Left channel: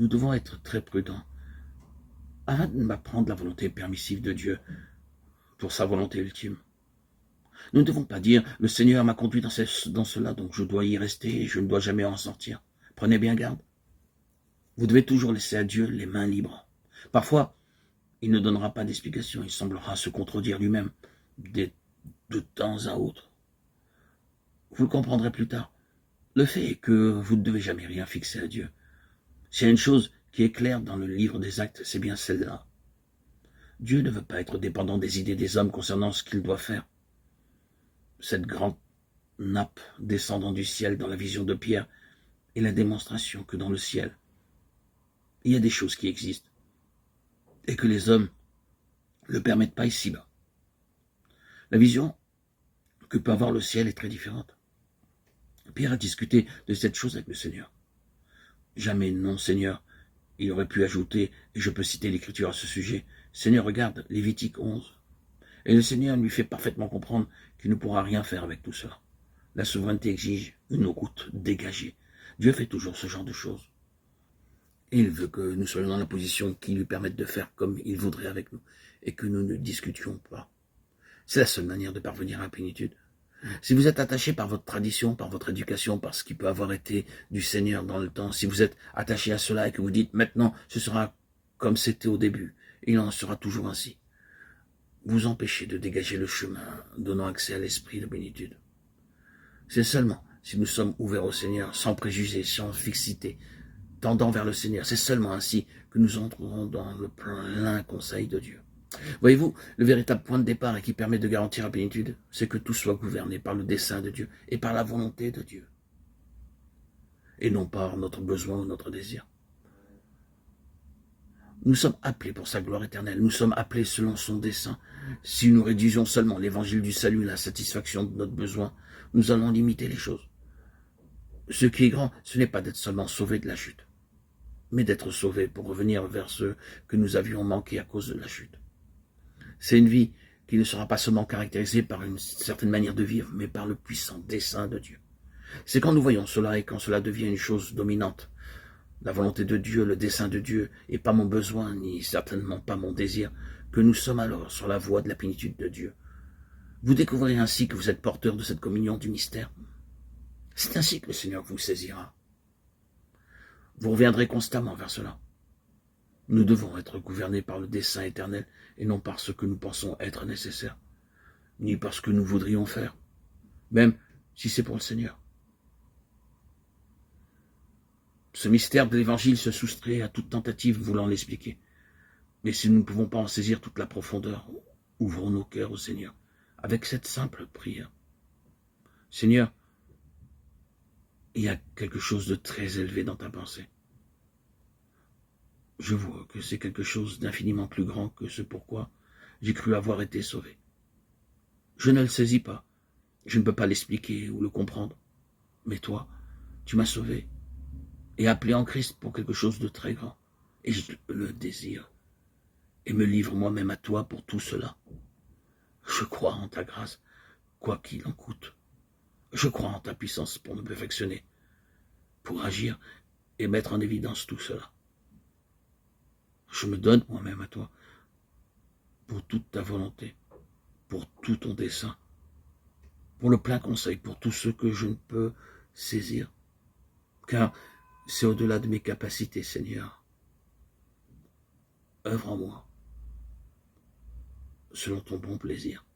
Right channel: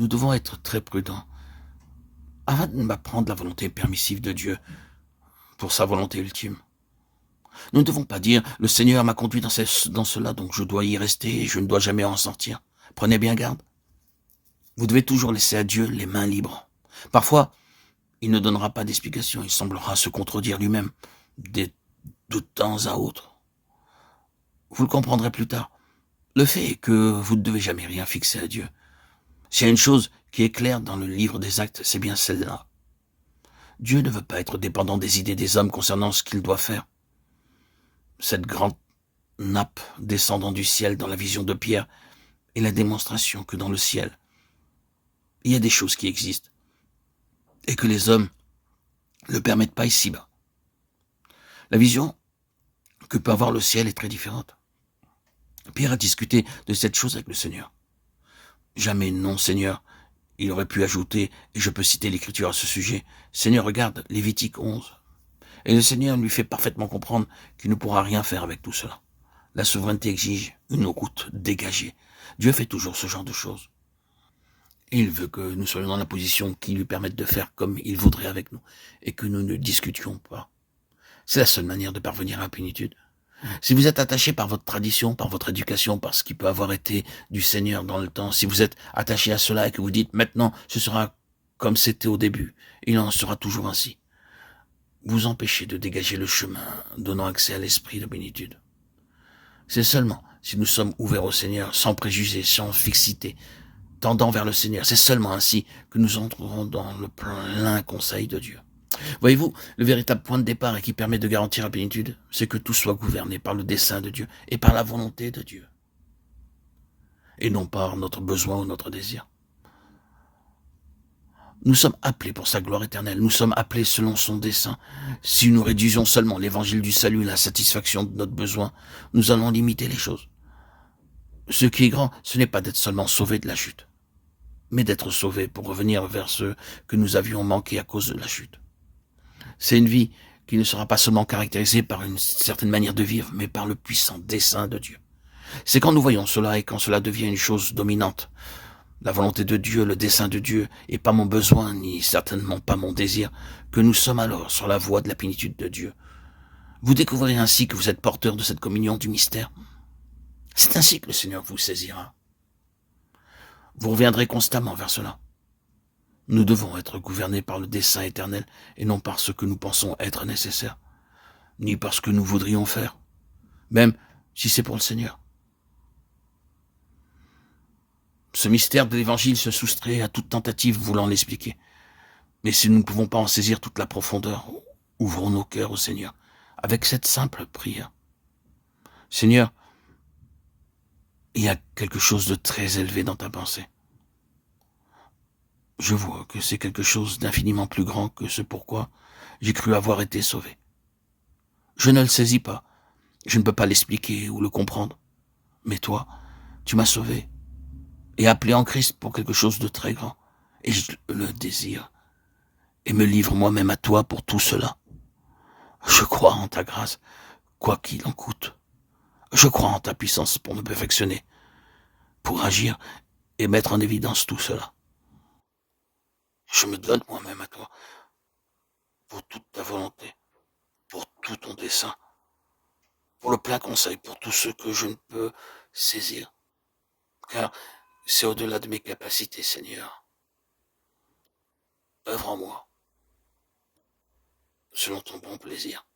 Nous devons être très prudents afin de m'apprendre la volonté permissive de Dieu pour sa volonté ultime. Nous ne devons pas dire « Le Seigneur m'a conduit dans cela, donc je dois y rester et je ne dois jamais en sortir ». Prenez bien garde. Vous devez toujours laisser à Dieu les mains libres. Parfois, il ne donnera pas d'explication, il semblera se contredire lui-même de temps à autre. Vous le comprendrez plus tard. Le fait est que vous ne devez jamais rien fixer à Dieu. S'il y a une chose qui est claire dans le livre des Actes, c'est bien celle-là. Dieu ne veut pas être dépendant des idées des hommes concernant ce qu'il doit faire. Cette grande nappe descendant du ciel dans la vision de Pierre est la démonstration que dans le ciel, il y a des choses qui existent et que les hommes ne le permettent pas ici-bas. La vision que peut avoir le ciel est très différente. Pierre a discuté de cette chose avec le Seigneur. Jamais non, Seigneur. Il aurait pu ajouter, et je peux citer l'Écriture à ce sujet, « Seigneur, regarde, Lévitique 11. » Et le Seigneur lui fait parfaitement comprendre qu'il ne pourra rien faire avec tout cela. La souveraineté exige une route dégagée. Dieu fait toujours ce genre de choses. Il veut que nous soyons dans la position qui lui permette de faire comme il voudrait avec nous, et que nous ne discutions pas. C'est la seule manière de parvenir à la plénitude. Si vous êtes attaché par votre tradition, par votre éducation, par ce qui peut avoir été du Seigneur dans le temps, si vous êtes attaché à cela et que vous dites maintenant ce sera comme c'était au début, il en sera toujours ainsi, vous empêchez de dégager le chemin donnant accès à l'esprit de plénitude. C'est seulement si nous sommes ouverts au Seigneur, sans préjugés, sans fixité, tendant vers le Seigneur, c'est seulement ainsi que nous entrerons dans le plein conseil de Dieu. Voyez-vous, le véritable point de départ et qui permet de garantir la plénitude, c'est que tout soit gouverné par le dessein de Dieu et par la volonté de Dieu, et non par notre besoin ou notre désir. Nous sommes appelés pour sa gloire éternelle, nous sommes appelés selon son dessein. Si nous réduisions seulement l'évangile du salut, la satisfaction de notre besoin, nous allons limiter les choses. Ce qui est grand, ce n'est pas d'être seulement sauvé de la chute, mais d'être sauvé pour revenir vers ceux que nous avions manqué à cause de la chute. C'est une vie qui ne sera pas seulement caractérisée par une certaine manière de vivre, mais par le puissant dessein de Dieu. C'est quand nous voyons cela et quand cela devient une chose dominante, la volonté de Dieu, le dessein de Dieu, et pas mon besoin, ni certainement pas mon désir, que nous sommes alors sur la voie de la plénitude de Dieu. Vous découvrirez ainsi que vous êtes porteur de cette communion du mystère. C'est ainsi que le Seigneur vous saisira. Vous reviendrez constamment vers cela. Nous devons être gouvernés par le dessein éternel et non par ce que nous pensons être nécessaire, ni par ce que nous voudrions faire, même si c'est pour le Seigneur. Ce mystère de l'Évangile se soustrait à toute tentative voulant l'expliquer. Mais si nous ne pouvons pas en saisir toute la profondeur, ouvrons nos cœurs au Seigneur avec cette simple prière. Seigneur, il y a quelque chose de très élevé dans ta pensée. Je vois que c'est quelque chose d'infiniment plus grand que ce pourquoi j'ai cru avoir été sauvé. Je ne le saisis pas, je ne peux pas l'expliquer ou le comprendre. Mais toi, tu m'as sauvé et appelé en Christ pour quelque chose de très grand. Et je le désire et me livre moi-même à toi pour tout cela. Je crois en ta grâce, quoi qu'il en coûte. Je crois en ta puissance pour me perfectionner, pour agir et mettre en évidence tout cela. Je me donne moi-même à toi pour toute ta volonté, pour tout ton dessein, pour le plein conseil, pour tout ce que je ne peux saisir, car c'est au-delà de mes capacités, Seigneur. Œuvre en moi, selon ton bon plaisir.